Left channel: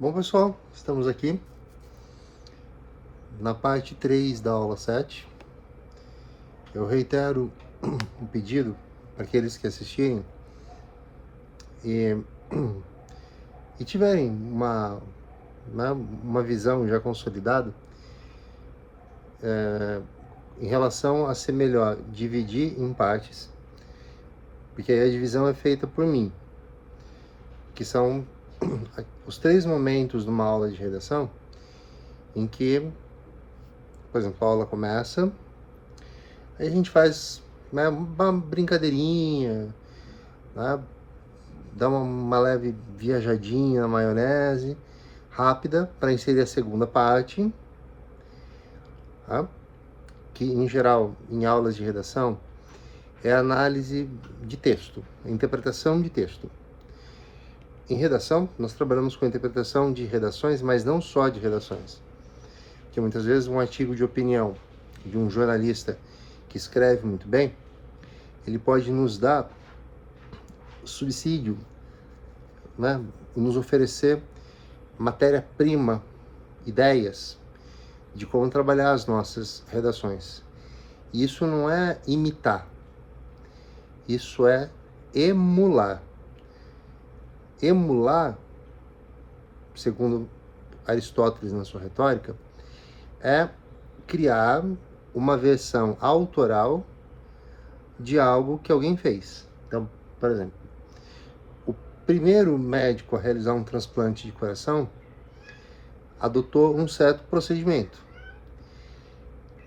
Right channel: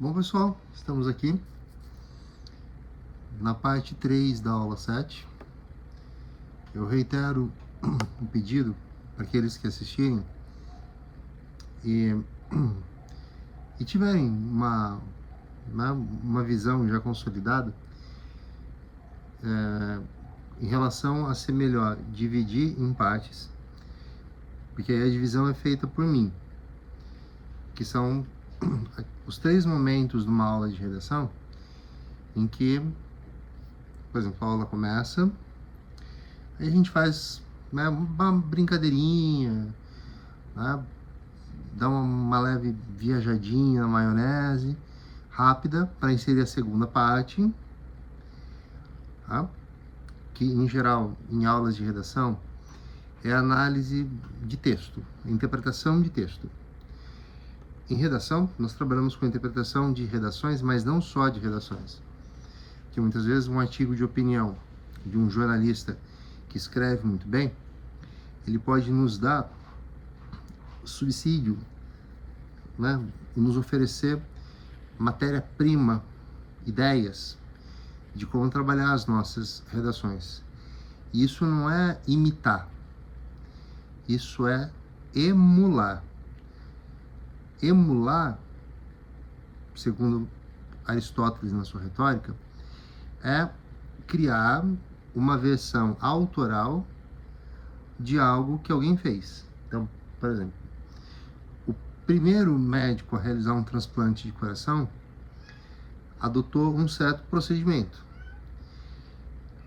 Bom, pessoal, estamos aqui na parte 3 da aula 7. Eu reitero um pedido para aqueles que assistirem e, e tiverem uma visão já consolidada em relação a ser melhor dividir em partes, porque aí a divisão é feita por mim, que são os 3 momentos de uma aula de redação em que, por exemplo, a aula começa, aí a gente faz uma brincadeirinha, né? Dá uma leve viajadinha na maionese, rápida, para inserir a segunda parte, tá? Que em geral, em aulas de redação, é a análise de texto, a interpretação de texto. Em redação, nós trabalhamos com a interpretação de redações, mas não só de redações. Porque muitas vezes um artigo de opinião de um jornalista que escreve muito bem, ele pode nos dar subsídio, né? Nos oferecer matéria-prima, ideias de como trabalhar as nossas redações. E isso não é imitar, isso é emular. Emular, segundo Aristóteles na sua retórica, é criar uma versão autoral de algo que alguém fez. Então, por exemplo, o primeiro médico a realizar um transplante de coração adotou um certo procedimento.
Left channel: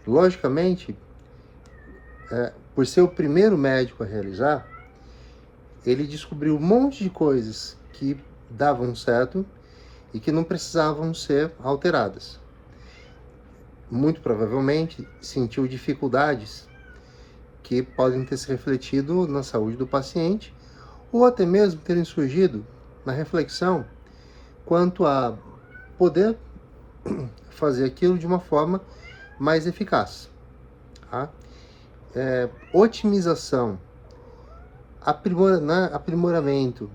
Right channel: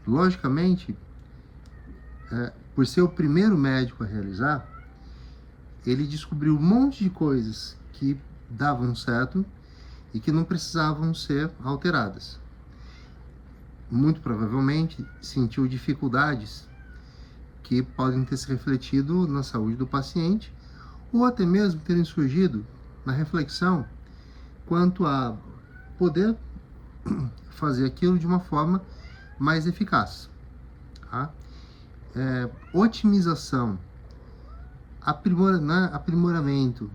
Logicamente, por ser o primeiro médico a realizar, ele descobriu um monte de coisas que davam certo e que não precisavam ser alteradas. Muito provavelmente sentiu dificuldades que podem ter se refletido na saúde do paciente ou até mesmo terem surgido na reflexão quanto a poder fazer aquilo de uma forma mais eficaz. Tá? Otimização, aprimoramento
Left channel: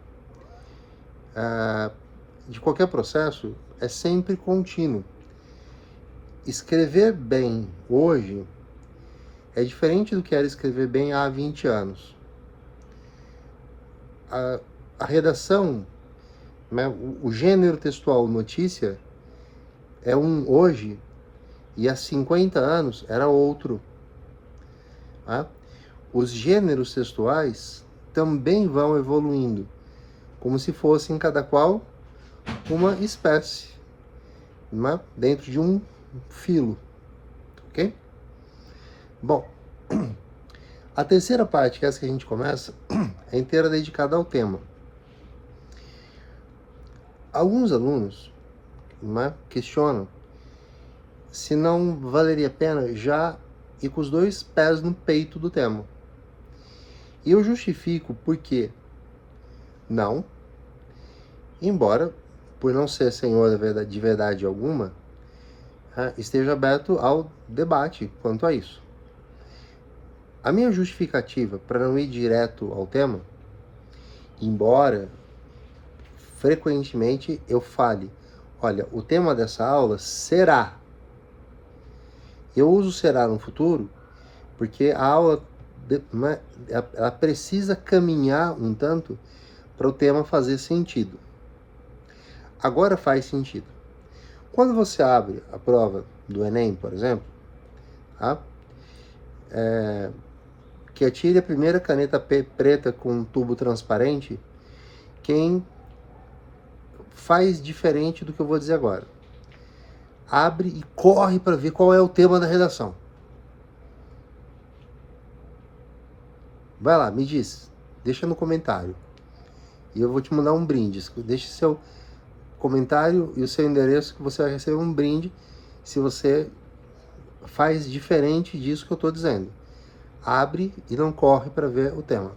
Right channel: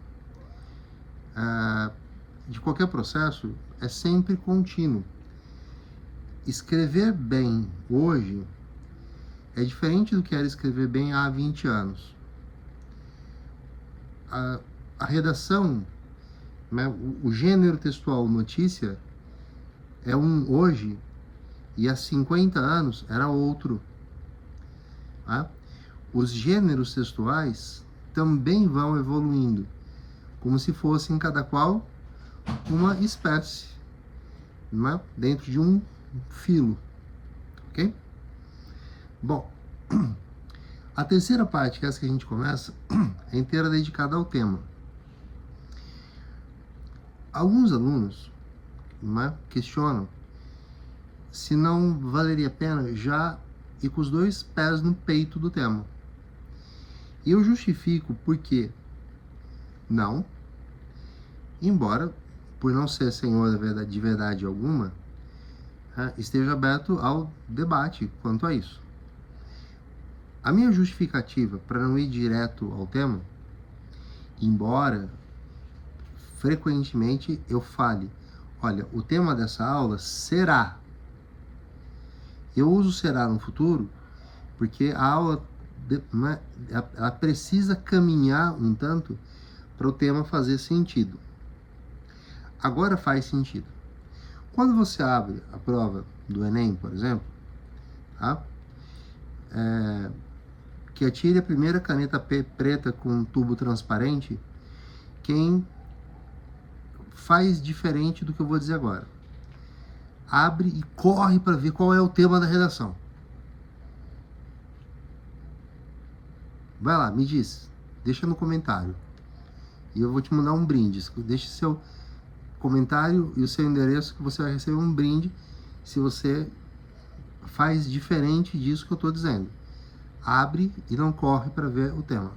de qualquer processo é sempre contínuo. Escrever bem hoje é diferente do que era escrever bem há 20 anos. A redação, né, o gênero textual notícia é um hoje e há 50 anos era outro. Tá? Os gêneros textuais também vão evoluindo, como se fossem cada qual uma espécie, né, dentro de um filo, ok? Bom, a terceira parte, que é essa que a gente começa, é inteira dedicada ao tema. Alguns alunos, né, questionam se não valeria a pena já ir com os 2 pés no peito do tema. E eu justifico por que não, embora, por não ser senhor de verdade alguma, esteja aberto ao debate quanto a isso. A minha justificativa para não ir direto ao tema, embora frequentemente eu fale, olha, o tema dessa aula será. Eu uso será no futuro porque a aula ela precisa caminhar um tanto para o tema fazer sentido. Agora faz sentido. Quando você abre a prova do Enem, por exemplo, tá? Que atire a primeira caneta preta com um tubo transparente, quem faz diferente do que eu vou dizer agora. Abre e corre para ver qual é o tema da redação. Vai lá, me diz. Deixa no comentário. E eu vou te mandar um brinde. Deixe seu comentário e o seu endereço que você vai receber um brinde se você faz diferente disso que eu estou dizendo. Abre e não corre para ver o tema.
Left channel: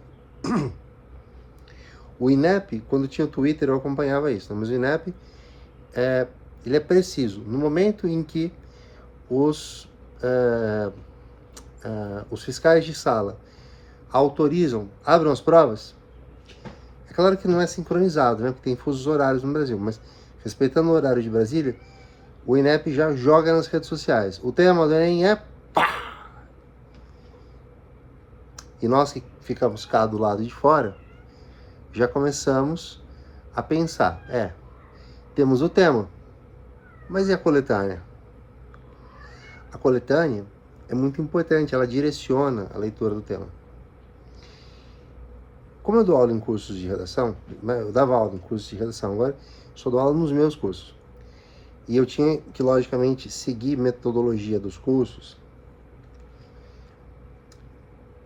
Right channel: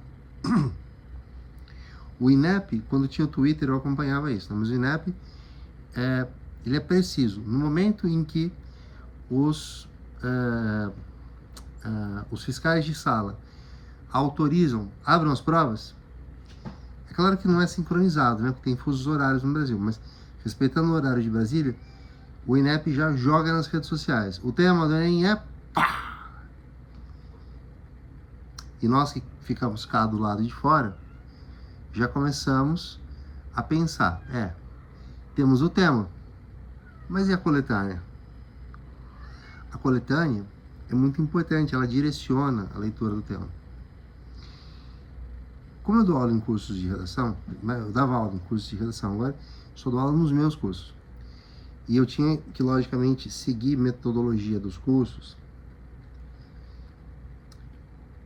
O INEP, quando tinha o Twitter, eu acompanhava isso, né? Mas o INEP, ele é preciso. No momento em que os fiscais de sala autorizam, abram as provas, é claro que não é sincronizado, né? Porque tem fusos horários no Brasil, mas respeitando o horário de Brasília, o INEP já joga nas redes sociais. O tema do Enem é pá! E nós que ficamos cá do lado de fora, já começamos a pensar, temos o tema, mas e a coletânea? A coletânea é muito importante, ela direciona a leitura do tema. Como eu dou aula em cursos de redação, eu dava aula em cursos de redação, agora só dou aula nos meus cursos. E eu tinha que, logicamente, seguir metodologia dos cursos.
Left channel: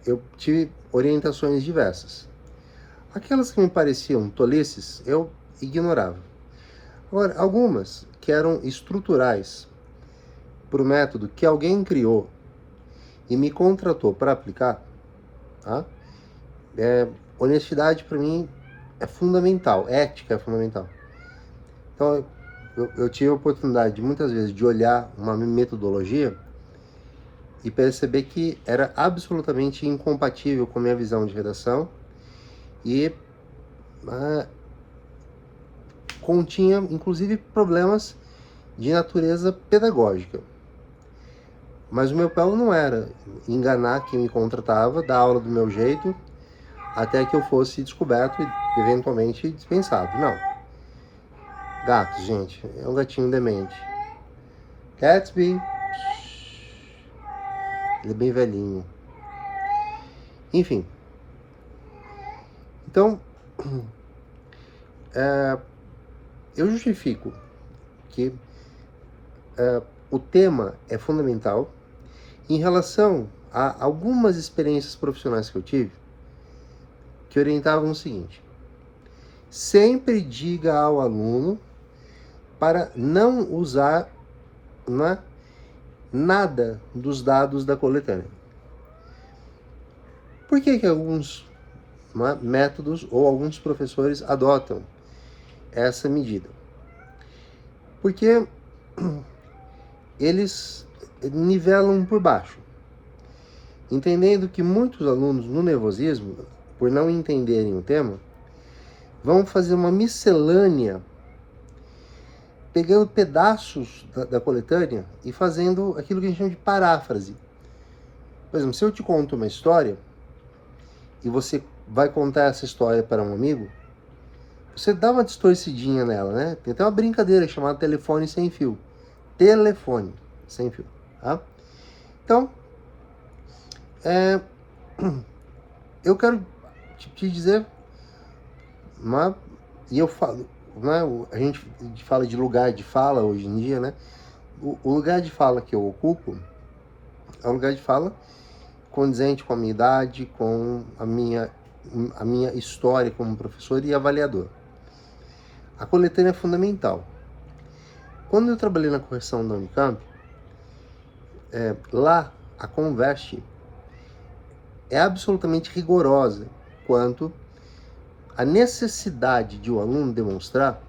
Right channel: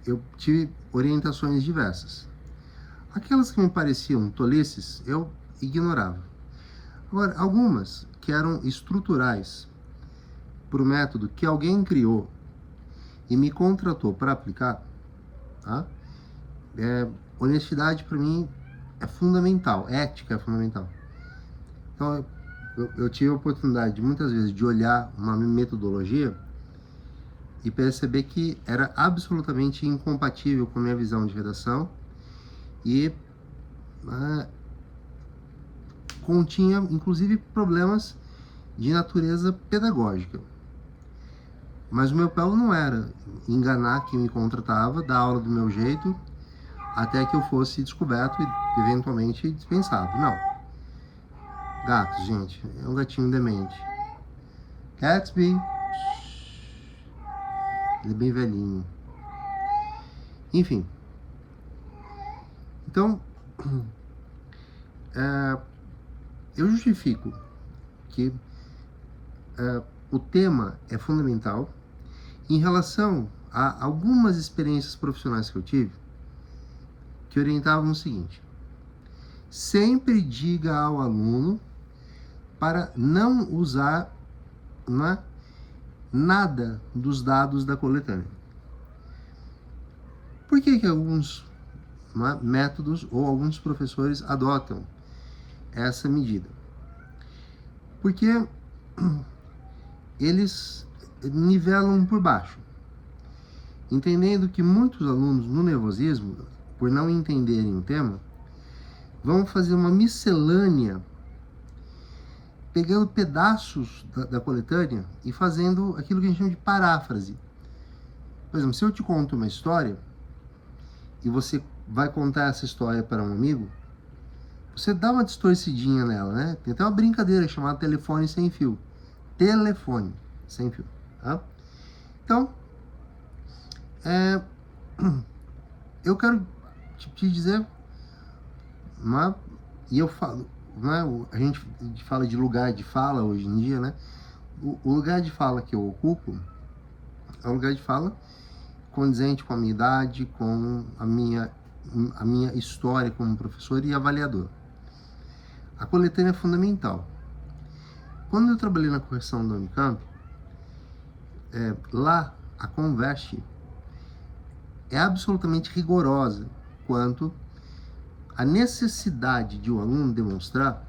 Eu tive orientações diversas. Aquelas que me pareciam tolices, eu ignorava. Agora, algumas que eram estruturais para o método que alguém criou e me contratou para aplicar, tá? Honestidade para mim é fundamental, ética é fundamental. Então, eu tive a oportunidade, muitas vezes, de olhar uma metodologia e perceber que era absolutamente incompatível com a minha visão de redação e continha, inclusive, problemas de natureza pedagógica. Mas o meu papel não era enganar quem me contratava, dar aula do meu jeito, até que eu fosse descoberto e, eventualmente, dispensado. Não. Gatos, gente. É um gatinho demente. Gatsby. Ele é bem velhinho. Enfim. Então, eu justifico que o tema é fundamental em relação a algumas experiências profissionais que eu tive, que orientavam o seguinte: sempre diga ao aluno para não usar nada dos dados da coletânea. Por que alguns métodos ou alguns professores adotam essa medida? Porque eles nivelam por baixo, entendendo que muitos alunos, no nervosismo, por não entenderem o tema, vão fazer uma miscelânea, pegando pedaços da coletânea e fazendo aquilo que a gente chama de paráfrase. Por exemplo, se eu te conto uma história e você vai contar essa história para um amigo, você dá uma distorcidinha nela, né? Tem até uma brincadeira chamada telefone sem fio. Telefone sem fio, tá? Então, eu quero te dizer, e eu falo, a gente fala de lugar de fala hoje em dia, né? O lugar de fala que eu ocupo é um lugar de fala condizente com a minha idade, com a minha história como professor e avaliador. A coletânea é fundamental. Quando eu trabalhei na correção da Unicamp, lá a Conveste é absolutamente rigorosa quanto à necessidade de o aluno demonstrar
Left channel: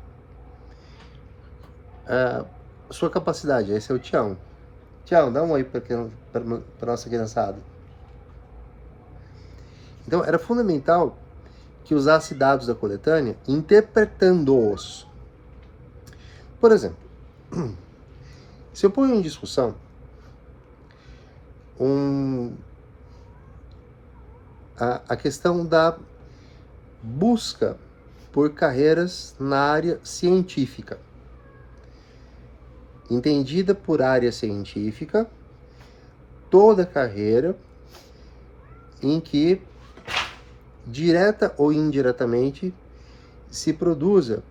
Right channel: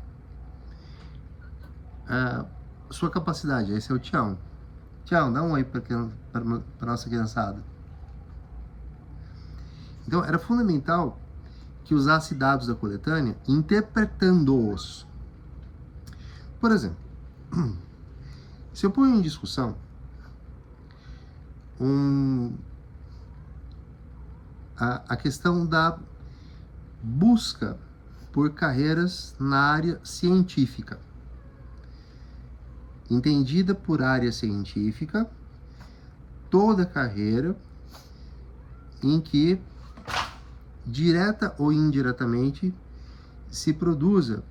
sua capacidade. Esse é o Tião. Tião, dá um oi para nossa criançada. Então, era fundamental que usasse dados da coletânea interpretando-os. Por exemplo, se eu ponho em discussão a questão da busca por carreiras na área científica, entendida por área científica, toda carreira em que, direta ou indiretamente, se produza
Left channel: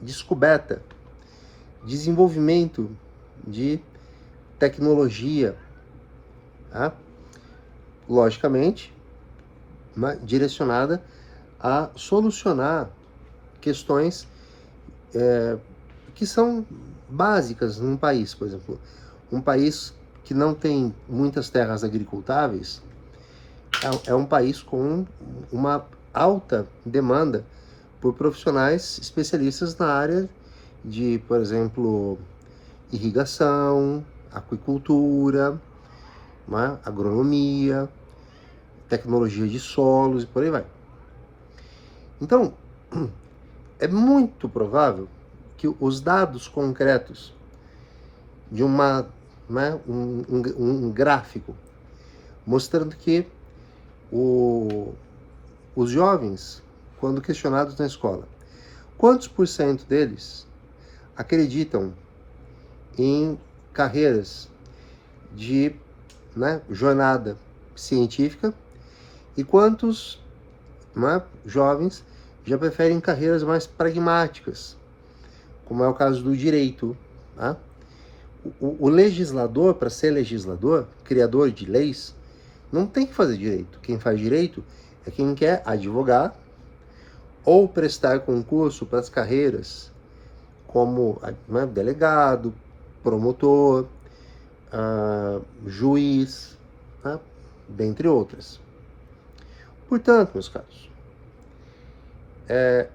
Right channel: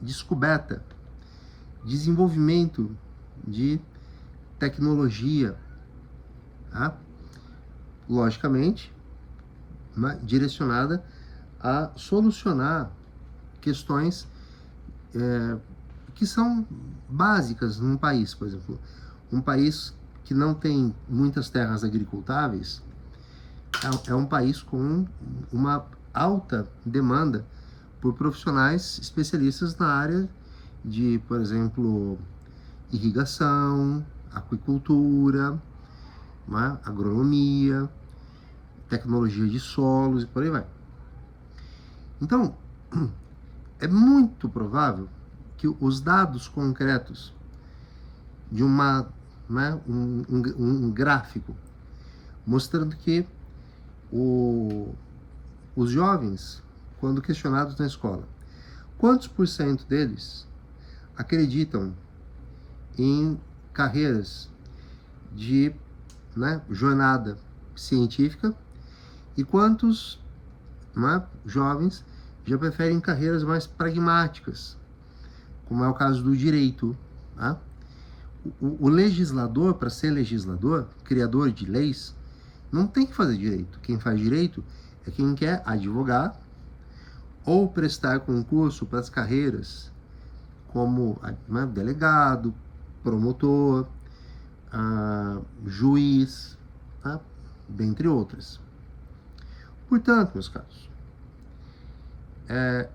descoberta, desenvolvimento de tecnologia, tá? Logicamente, direcionada a solucionar questões que são básicas num país. Por exemplo, um país que não tem muitas terras agricultáveis é um país com uma alta demanda por profissionais especialistas na área de, por exemplo, irrigação, aquicultura, agronomia, tecnologia de solos e por aí vai. Então, é muito provável que os dados concretos de um gráfico mostrando que os jovens, quando questionados na escola, quantos por cento deles acreditam em carreiras de jornada científica e quantos jovens já preferem carreiras mais pragmáticas, como é o caso do direito. Tá? O legislador, para ser legislador, criador de leis, não tem que fazer direito. Quem faz direito é quem quer advogar ou prestar concurso para as carreiras como delegado, promotor, juiz, dentre outras. Portanto, meus caros,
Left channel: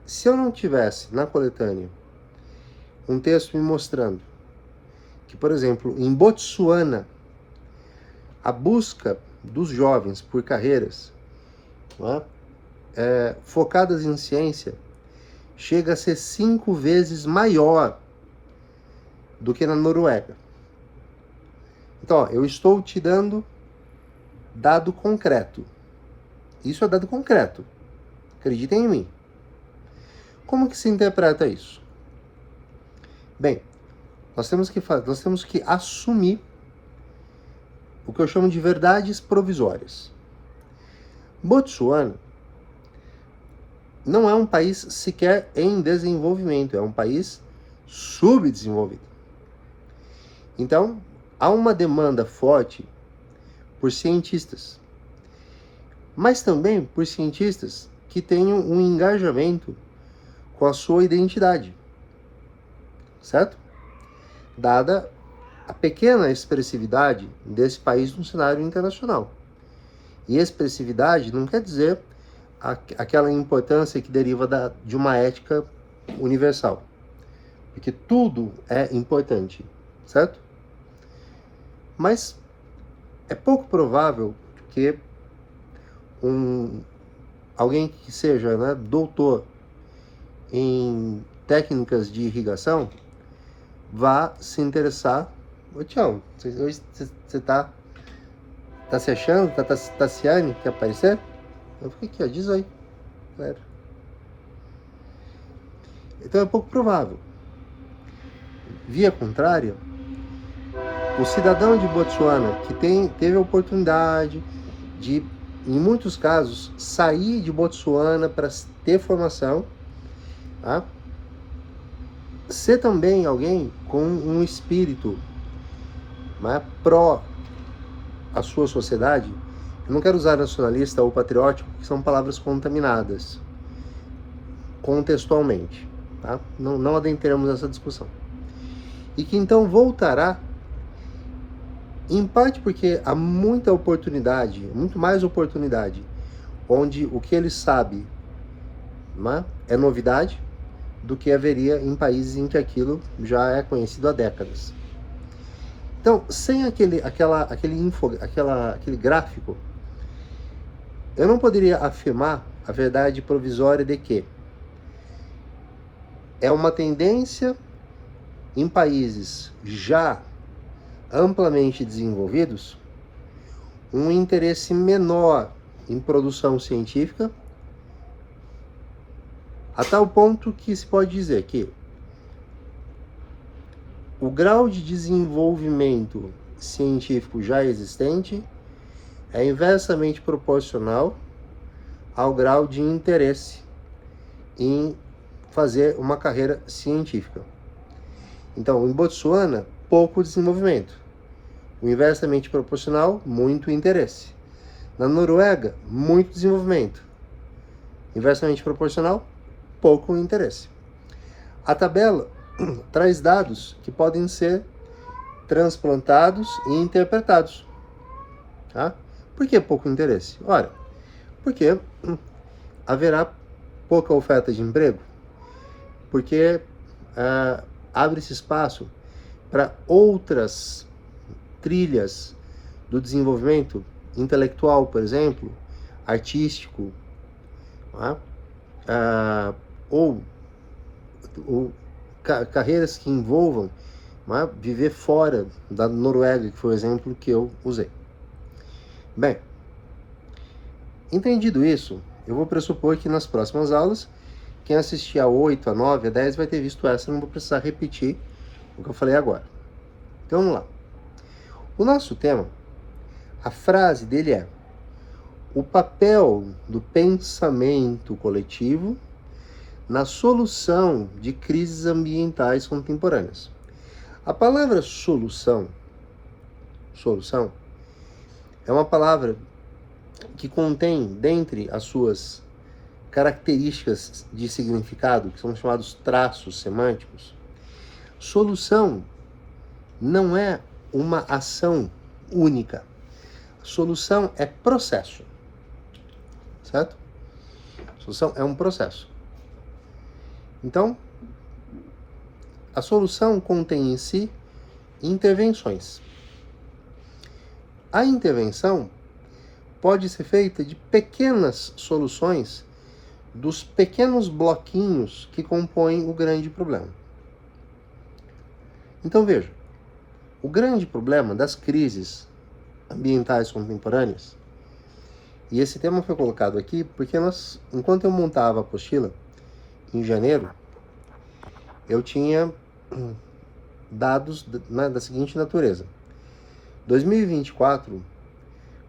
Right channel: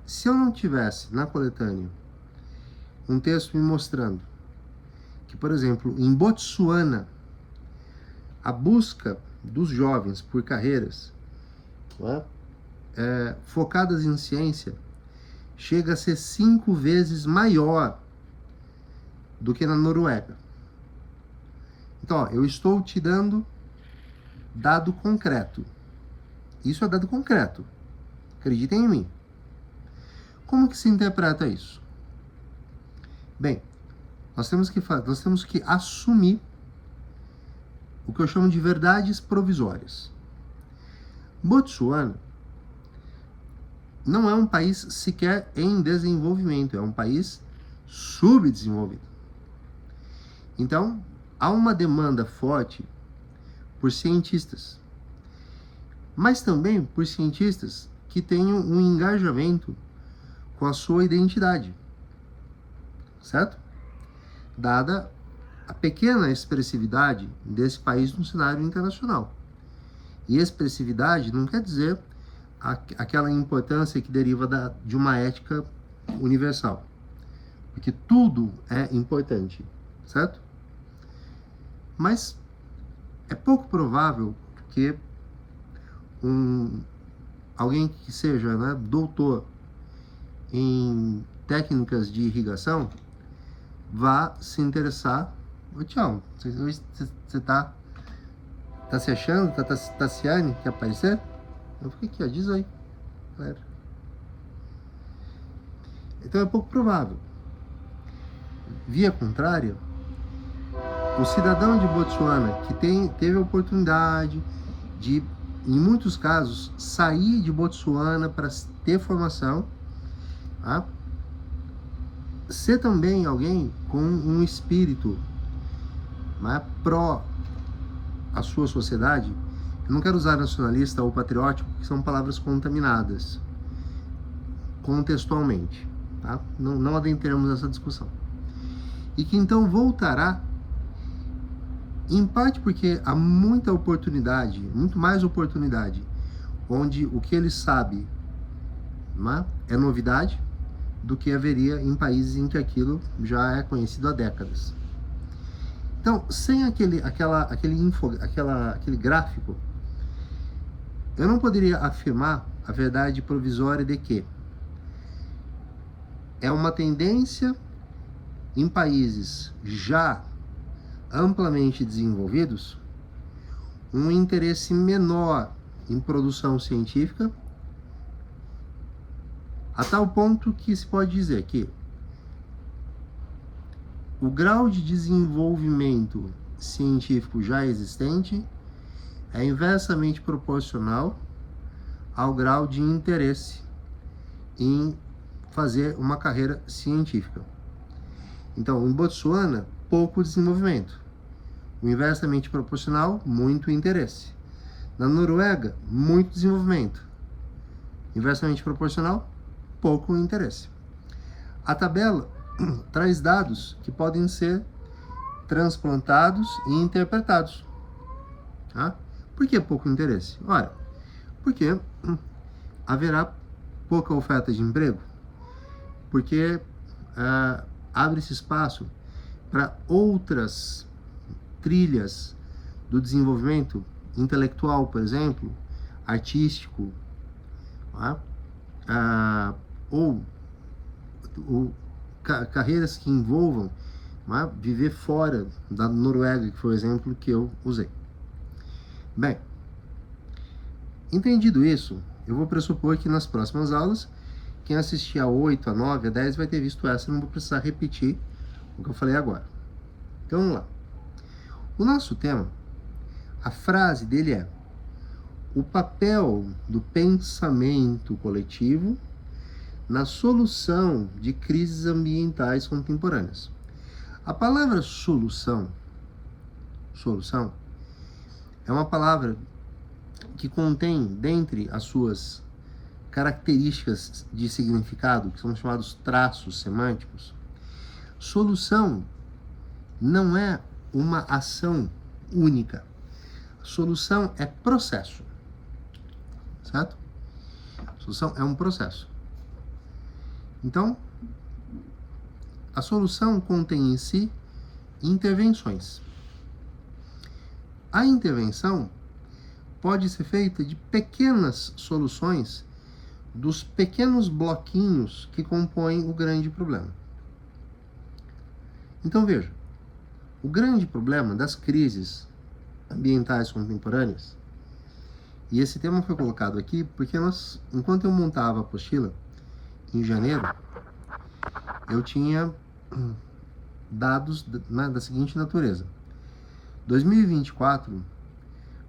se eu não tivesse na coletânea um texto me mostrando que, por exemplo, em Botsuana, a busca dos jovens por carreiras focadas em ciência chega a ser 5 vezes maior do que na Noruega. Então, eu estou te dando dado concreto. Isso é dado concreto. Acreditem em mim. Como que se interpreta isso? Bem, nós temos que assumir o que eu chamo de verdades provisórias. Botsuana não é um país sequer em desenvolvimento, é um país subdesenvolvido. Então, há uma demanda forte por cientistas, mas também por cientistas que tenham um engajamento com a sua identidade, certo? Dada a pequena expressividade desse país no cenário internacional. E expressividade não quer dizer aquela importância que deriva de uma ética universal, porque tudo é importante, certo? Mas é pouco provável que alguém que seja doutor em técnicas de irrigação vá se interessar. Ô Tião, você tá se achando? Tá se quer aparecer? Eu fiquei aqui, ó, diz aí, galera. Então é pouco provável. Via contrária, o cidadão de Botsuana que teve a oportunidade de, em muitos casos, sair de Botsuana para ter formação, tá? Ser também alguém com um espírito pró a sua sociedade. Eu não quero usar nacionalista ou patriótico, porque são palavras contaminadas contextualmente, tá? Não adentramos nessa discussão. E que então voltará, em parte porque há muita oportunidade, muito mais oportunidade, onde o que ele sabe é novidade, do que haveria em países em que aquilo já é conhecido há décadas. Então, sem aquele gráfico, eu não poderia afirmar a verdade provisória de que é uma tendência em países já amplamente desenvolvidos um interesse menor em produção científica, a tal ponto que se pode dizer que o grau de desenvolvimento científico já existente é inversamente proporcional ao grau de interesse em fazer uma carreira científica. Então, em Botsuana, pouco desenvolvimento. O inversamente proporcional, muito interesse. Na Noruega, muito desenvolvimento. Inversamente proporcional, pouco interesse. A tabela traz dados que podem ser transplantados e interpretados. Tá? Por que pouco interesse? Ora, porque haverá pouca oferta de emprego, porque abre-se espaço para outras trilhas do desenvolvimento intelectual, por exemplo, artístico, ou carreiras que envolvam viver fora da Noruega, que foi o exemplo que eu usei. Bem, entendido isso, eu vou pressupor que nas próximas aulas, quem assistir a 8, a 9, a 10 vai ter visto essa, não vou precisar repetir o que eu falei agora. Então vamos lá. O nosso tema, a frase dele é: o papel do pensamento coletivo na solução de crises ambientais contemporâneas. A palavra solução é uma palavra que contém, dentre as suas características de significado, que são chamados traços semânticos, solução não é uma ação única. Solução é processo, certo? Solução é um processo. Então, a solução contém em si intervenções. A intervenção pode ser feita de pequenas soluções dos pequenos bloquinhos que compõem o grande problema. Então veja, o grande problema das crises ambientais contemporâneas, e esse tema foi colocado aqui porque enquanto eu montava a apostila, em janeiro, eu tinha dados da seguinte natureza. 2024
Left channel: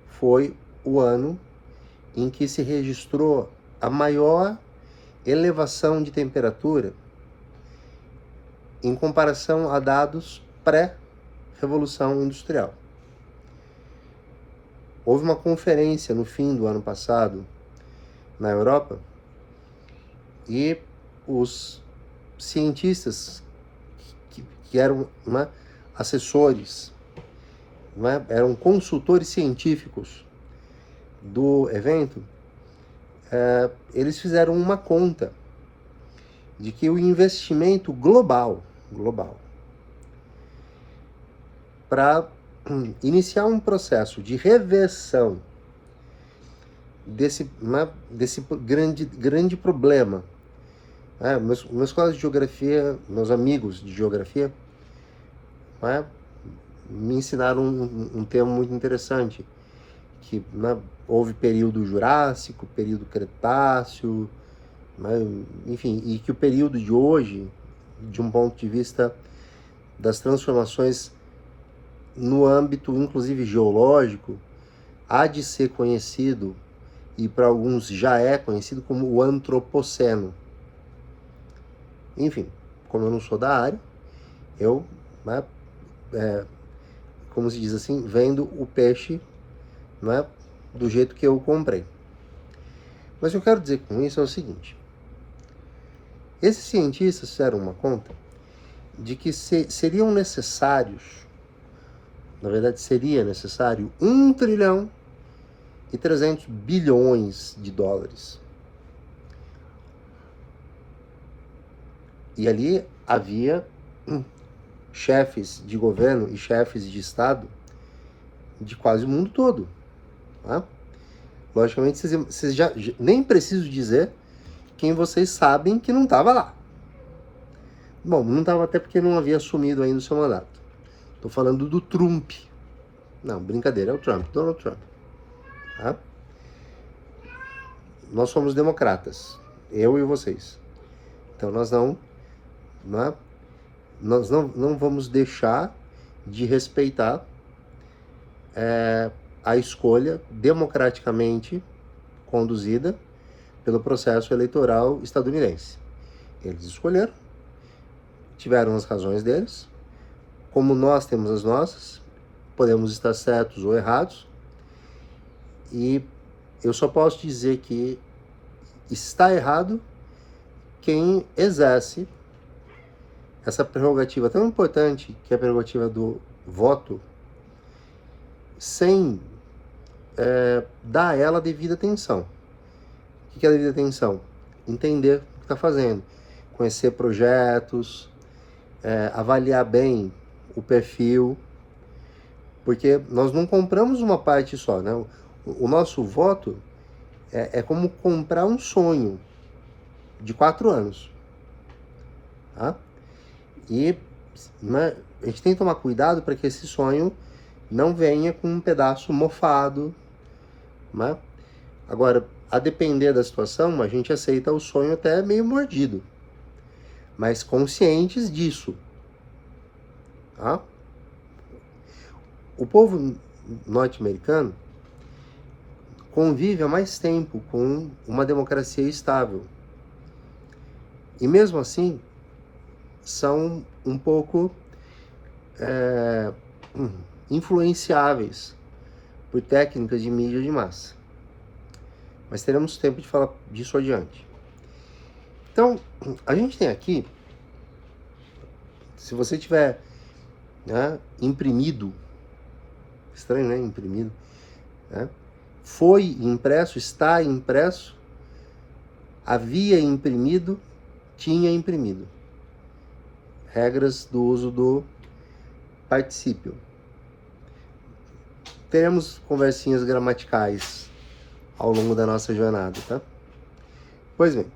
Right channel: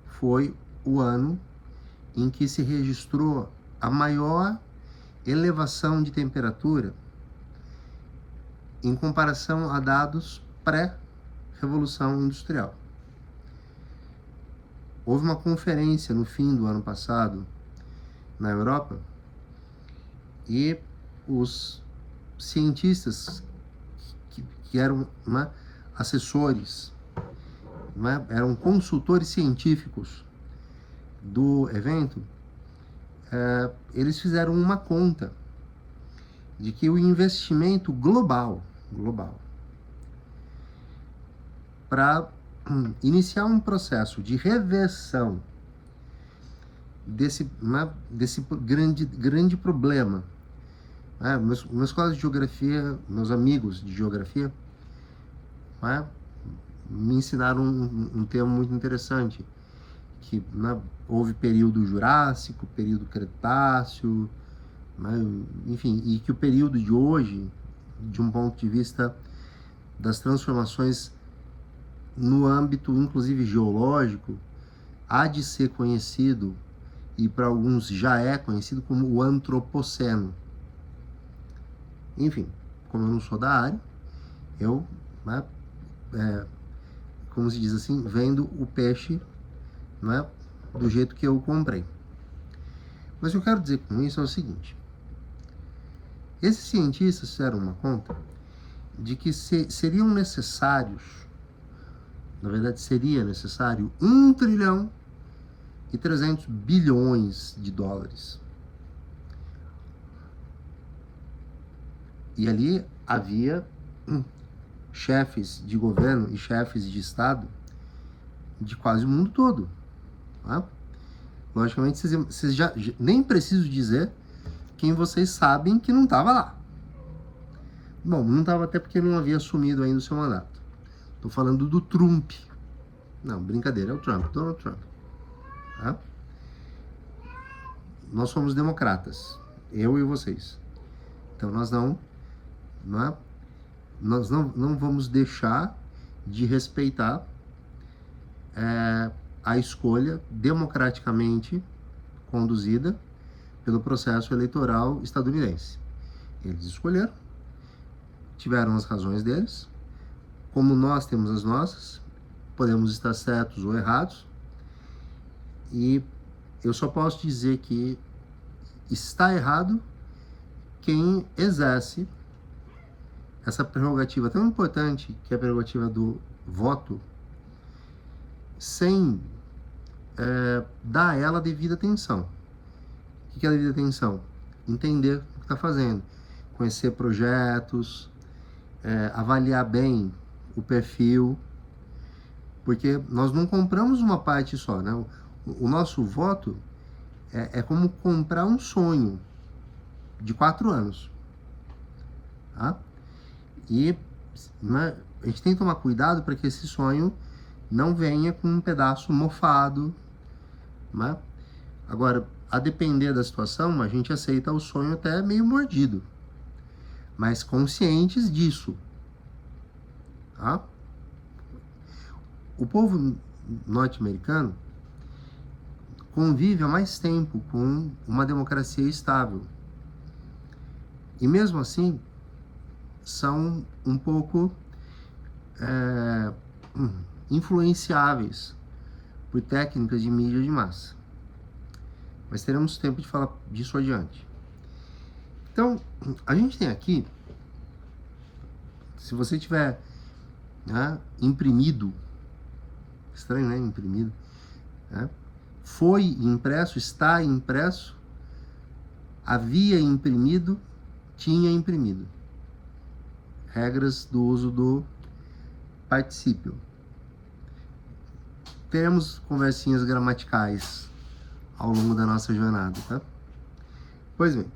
foi o ano em que se registrou a maior elevação de temperatura em comparação a dados pré-revolução industrial. Houve uma conferência no fim do ano passado na Europa e os cientistas que eram assessores, eram consultores científicos do evento, eles fizeram uma conta de que o investimento global para iniciar um processo de reversão desse grande problema. Meus colegas de geografia, meus amigos de geografia, me ensinaram um termo muito interessante, que houve período Jurássico, período Cretáceo, enfim, e que o período de hoje, de um ponto de vista das transformações no âmbito, inclusive geológico, há de ser conhecido, e para alguns já é conhecido, como o Antropoceno. Enfim, como eu não sou da área, eu, como se diz assim, vendo o peixe do jeito que eu comprei. Mas o que eu quero dizer com isso é o seguinte: esses cientistas fizeram uma conta de que seriam necessários, na verdade seria necessário 1 trilhão e 300 bilhões de dólares. E ali havia chefes de governo e chefes de Estado de quase o mundo todo. Logicamente, vocês já nem preciso dizer quem vocês sabem que não estava lá. Bom, não estava até porque não havia assumido ainda o seu mandato. Estou falando do Trump. Não, brincadeira, é o Trump, Donald Trump. Nós somos democratas, eu e vocês. Então nós não vamos deixar de respeitar a escolha democraticamente conduzida pelo processo eleitoral estadunidense. Eles escolheram, tiveram as razões deles, como nós temos as nossas, podemos estar certos ou errados, e eu só posso dizer que está errado quem exerce essa prerrogativa tão importante, que é a prerrogativa do voto, sem dar a ela a devida atenção. O que é a devida atenção? Entender o que está fazendo, conhecer projetos, avaliar bem o perfil, porque nós não compramos uma parte só, né? O nosso voto é como comprar um sonho de 4 anos. tá? E a gente tem que tomar cuidado para que esse sonho não venha com um pedaço mofado, né? Agora, a depender da situação, a gente aceita o sonho até meio mordido, mas conscientes disso, tá? O povo norte-americano convive há mais tempo com uma democracia estável. E mesmo assim, são um pouco influenciáveis por técnicas de mídia de massa. Mas teremos tempo de falar disso adiante. Então, a gente tem aqui, se você tiver, né, imprimido, estranho, né, imprimido, né, foi impresso, está impresso, havia imprimido, tinha imprimido. Regras do uso do particípio. Teremos conversinhas gramaticais ao longo da nossa jornada, tá? Pois bem.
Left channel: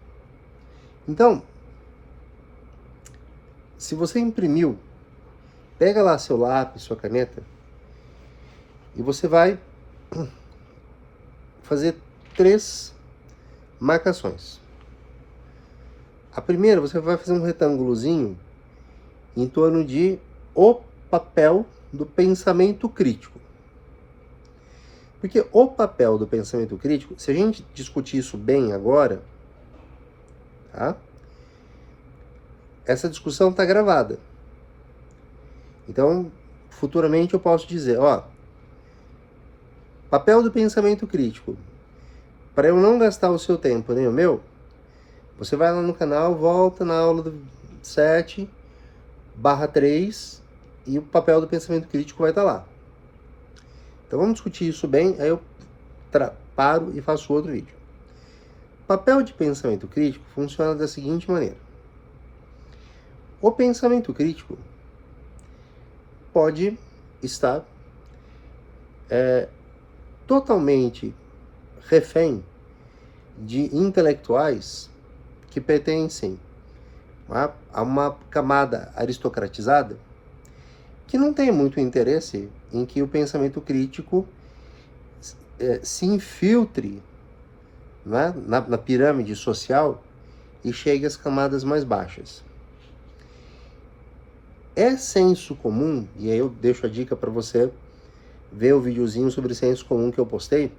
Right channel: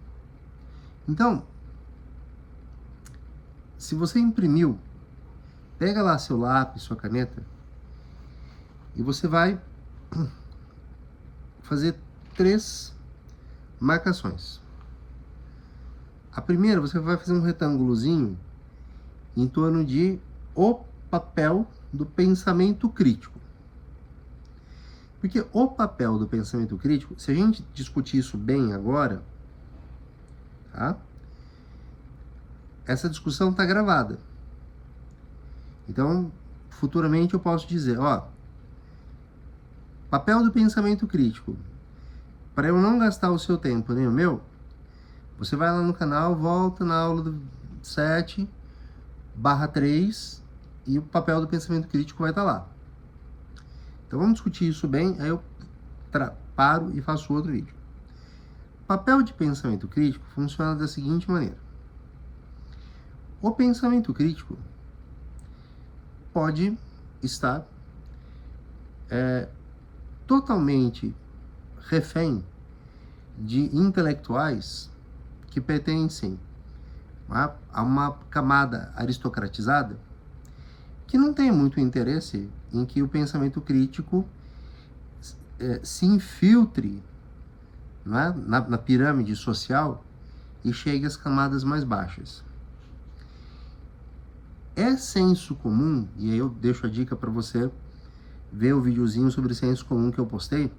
Então, se você imprimiu, pega lá seu lápis, sua caneta, e você vai fazer 3 marcações. A primeira, você vai fazer um retângulozinho em torno de o papel do pensamento crítico. Porque o papel do pensamento crítico, se a gente discutir isso bem agora, tá? Essa discussão está gravada. Então, futuramente eu posso dizer, ó, papel do pensamento crítico. Para eu não gastar o seu tempo nem o meu, você vai lá no canal, volta na aula do 7/3 e o papel do pensamento crítico vai estar lá. Então vamos discutir isso bem, aí eu paro e faço outro vídeo. Papel de pensamento crítico funciona da seguinte maneira. O pensamento crítico pode estar totalmente refém de intelectuais que pertencem a uma camada aristocratizada que não tem muito interesse em que o pensamento crítico se infiltre, né, na pirâmide social e chegue às camadas mais baixas. É senso comum, e aí eu deixo a dica para você ver o videozinho sobre senso comum que eu postei.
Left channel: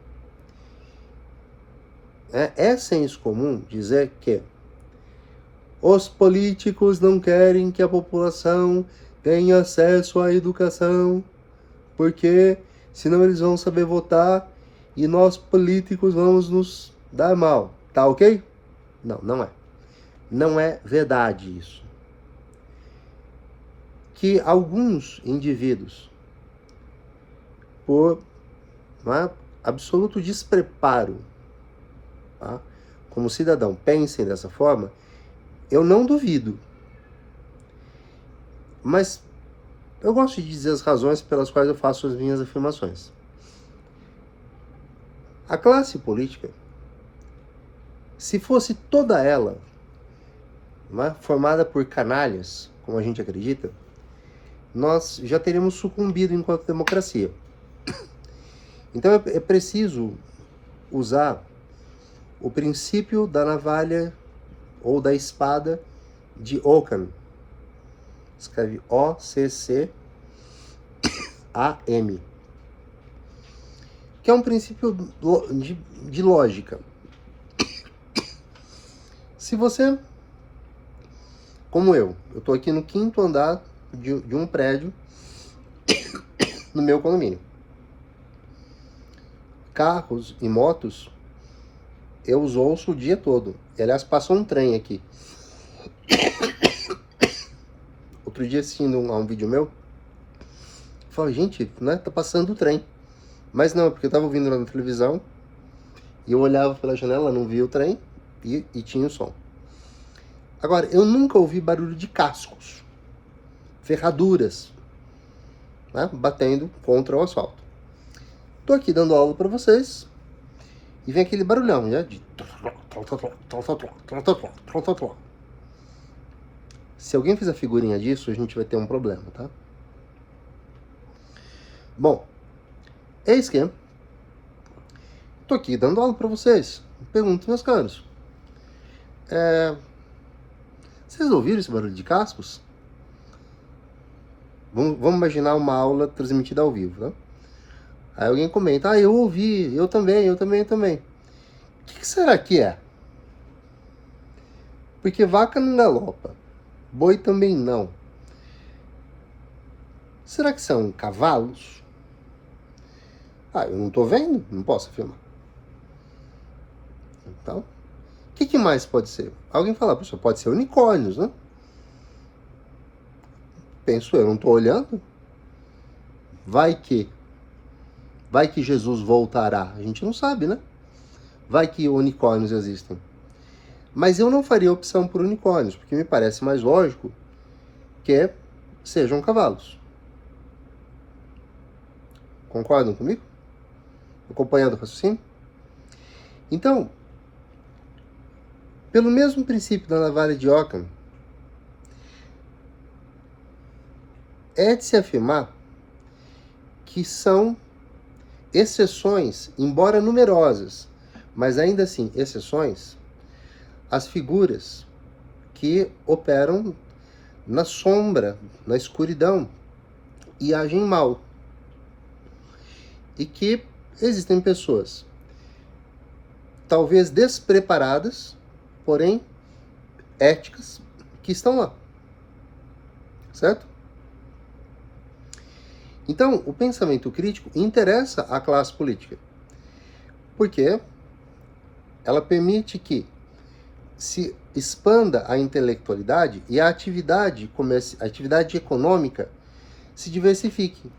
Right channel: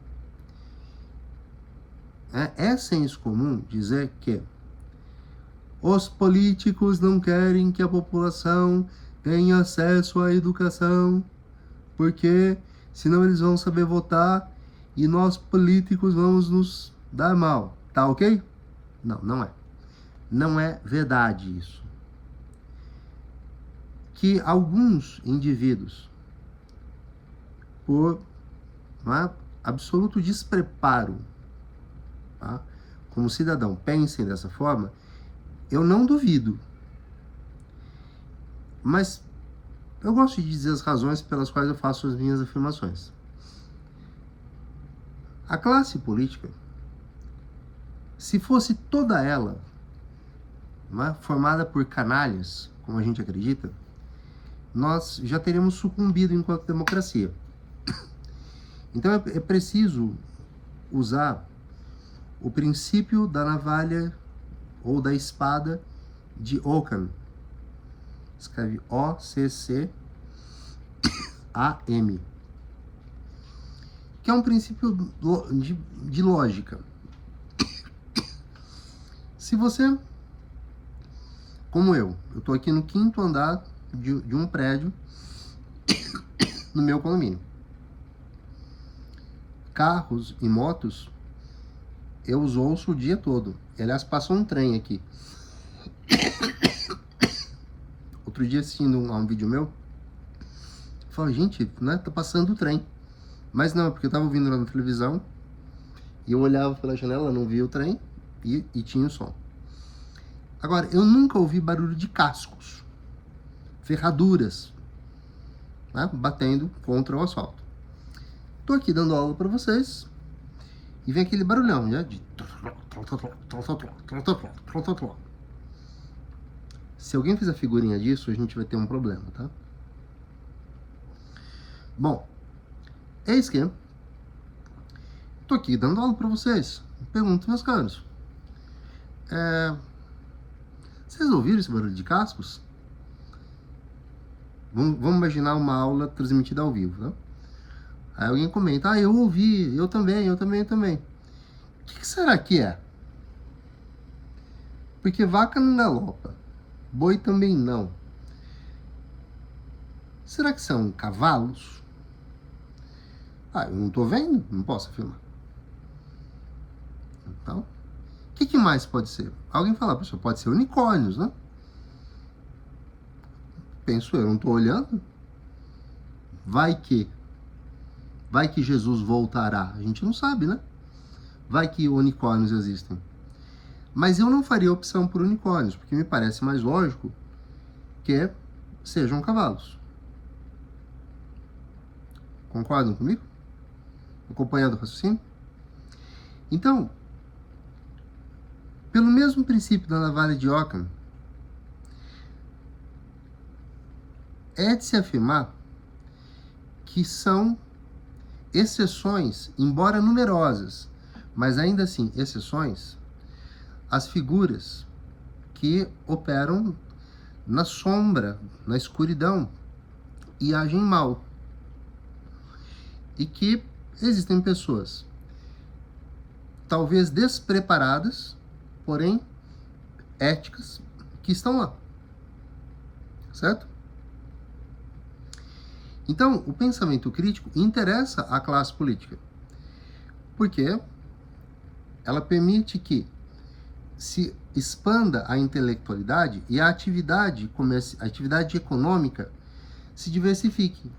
É senso comum dizer que os políticos não querem que a população tenha acesso à educação, porque senão eles vão saber votar e nós políticos vamos nos dar mal. Tá ok? Não, não é. Não é verdade isso. Que alguns indivíduos, por absoluto despreparo, tá, como cidadão, pensem dessa forma, eu não duvido. Mas eu gosto de dizer as razões pelas quais eu faço as minhas afirmações. A classe política, se fosse toda ela, formada por canalhas, como a gente acredita, nós já teríamos sucumbido enquanto democracia. Então é preciso usar o princípio da navalha ou da espada de Occam. Escreve Occam, que é um princípio de lógica. Se você, como eu estou aqui no 5º andar de um prédio no meu condomínio. Carros e motos eu os ouço o dia todo. Aliás, passou um trem aqui. Outro dia, assistindo a um vídeo meu, eu falei, gente, né, tá passando o trem. Mas não, porque eu tava ouvindo lá na televisão e eu olhava pela janela, não via o trem e tinha o som. Agora, eu nunca ouvi barulho de cascos, ferraduras, né, batendo contra o asfalto. Tô aqui dando aula para vocês e vem aquele barulhão, né, de... Se alguém fizer figurinha disso, a gente vai ter um problema, tá? Bom, eis que tô aqui dando aula para vocês. Pergunto, meus caros, vocês ouviram esse barulho de cascos? Vamos imaginar uma aula transmitida ao vivo, tá? Aí alguém comenta, eu ouvi, eu também. O que será que é? Porque vaca não galopa, boi também não. Será que são cavalos? Eu não tô vendo, não posso afirmar. Então, o que mais pode ser? Alguém fala, pessoal, pode ser unicórnios, né? Penso eu, não tô olhando. Vai que Jesus voltará. A gente não sabe, né? Vai que unicórnios existem. Mas eu não faria opção por unicórnios, porque me parece mais lógico que sejam cavalos. Concordam comigo? Acompanhando o raciocínio? Então, pelo mesmo princípio da navalha de Ockham, é de se afirmar que são exceções, embora numerosas, mas ainda assim exceções, as figuras que operam na sombra, na escuridão e agem mal. E que existem pessoas talvez despreparadas, porém éticas, que estão lá. Certo? Então, o pensamento crítico interessa à classe política, porque ela permite que se expanda a intelectualidade e a atividade econômica se diversifique.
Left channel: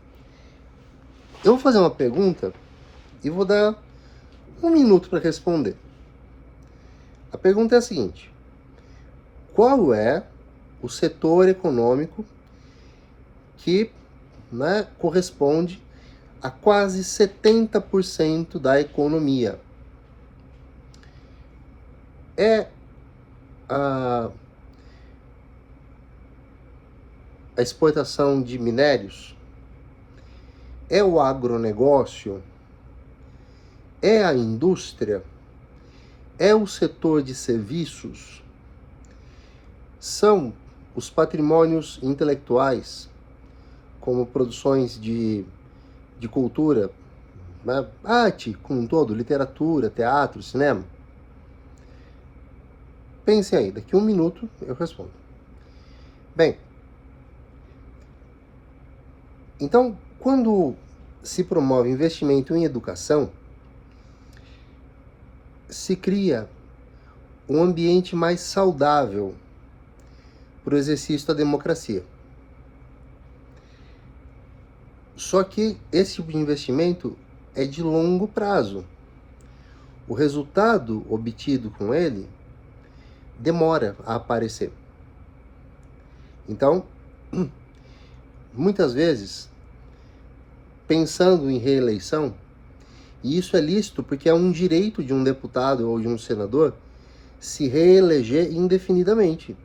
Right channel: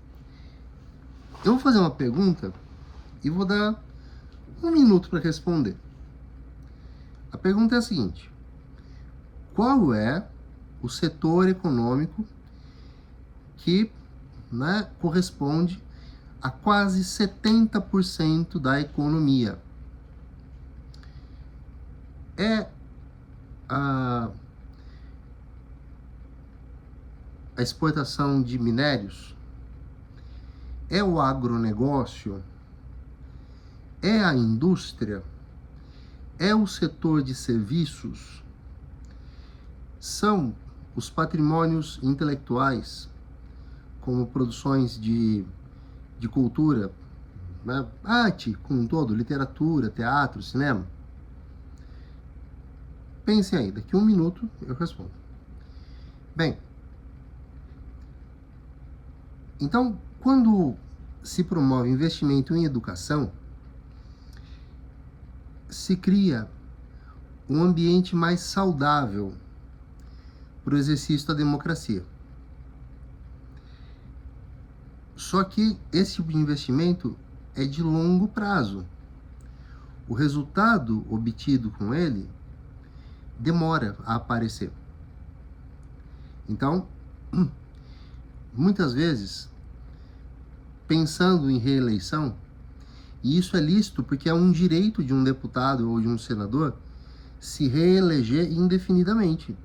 Eu vou fazer uma pergunta e vou dar 1 minuto para responder. A pergunta é a seguinte: qual é o setor econômico que corresponde a quase 70% da economia? É a exportação de minérios? É o agronegócio? É a indústria? É o setor de serviços? São os patrimônios intelectuais, como produções de cultura, arte como um todo, literatura, teatro, cinema? Pensem aí, daqui 1 minuto eu respondo. Bem, então, quando se promove investimento em educação, se cria um ambiente mais saudável para o exercício da democracia. Só que esse tipo de investimento é de longo prazo. O resultado obtido com ele demora a aparecer. Então, muitas vezes, pensando em reeleição, e isso é lícito porque é um direito de um deputado ou de um senador se reeleger indefinidamente.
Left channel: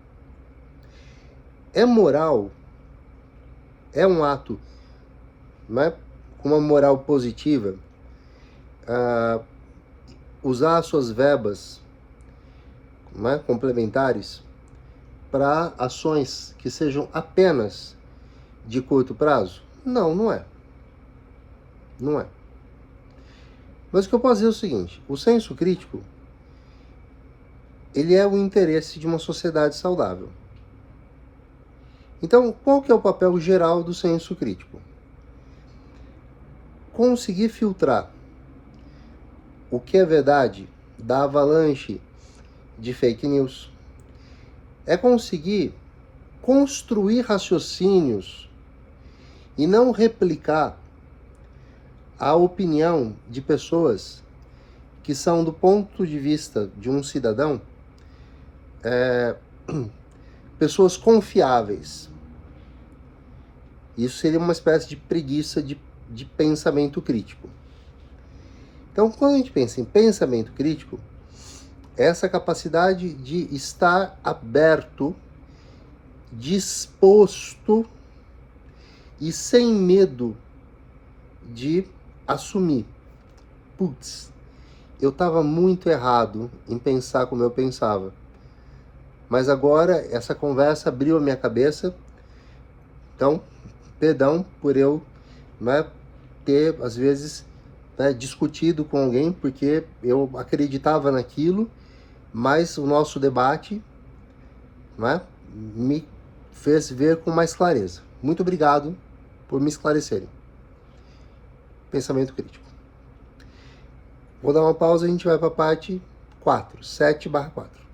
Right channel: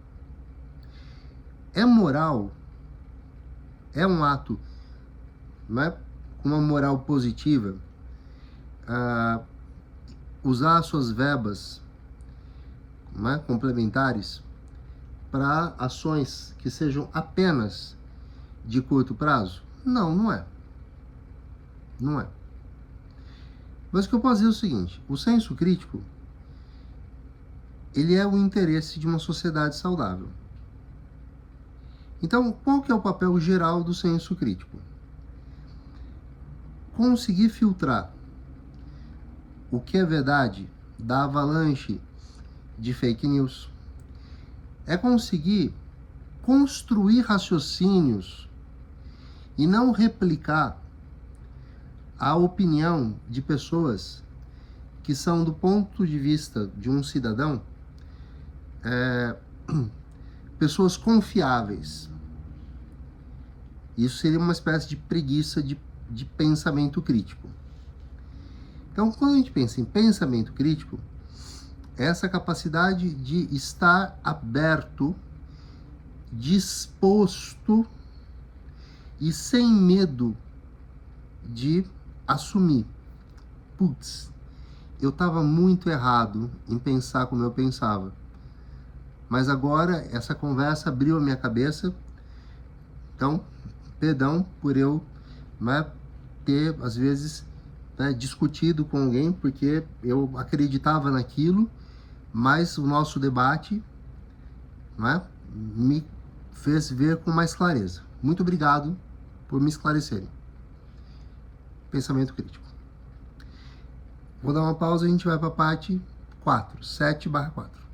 É moral, é um ato com uma moral positiva, usar as suas verbas complementares para ações que sejam apenas de curto prazo? Não, não é. Não é. Mas o que eu posso dizer é o seguinte: o senso crítico, ele é o interesse de uma sociedade saudável. Então, qual que é o papel geral do senso crítico? Conseguir filtrar o que é verdade da avalanche de fake news. É conseguir construir raciocínios e não replicar a opinião de pessoas que são, do ponto de vista de um cidadão, pessoas confiáveis. Isso seria uma espécie de preguiça de pensamento crítico. Então, quando a gente pensa em pensamento crítico, é essa capacidade de estar aberto disposto e sem medo de assumir. Putz, eu estava muito errado em pensar como eu pensava. Mas agora essa conversa abriu a minha cabeça. Então, perdão por eu, né, ter, às vezes, né, discutido com alguém, porque eu acreditava naquilo, mas o nosso debate, né, me fez ver com mais clareza. Muito obrigado por me esclarecerem. Pensamento crítico. Vou dar uma pausa e a gente vai para a parte 4, 7/4.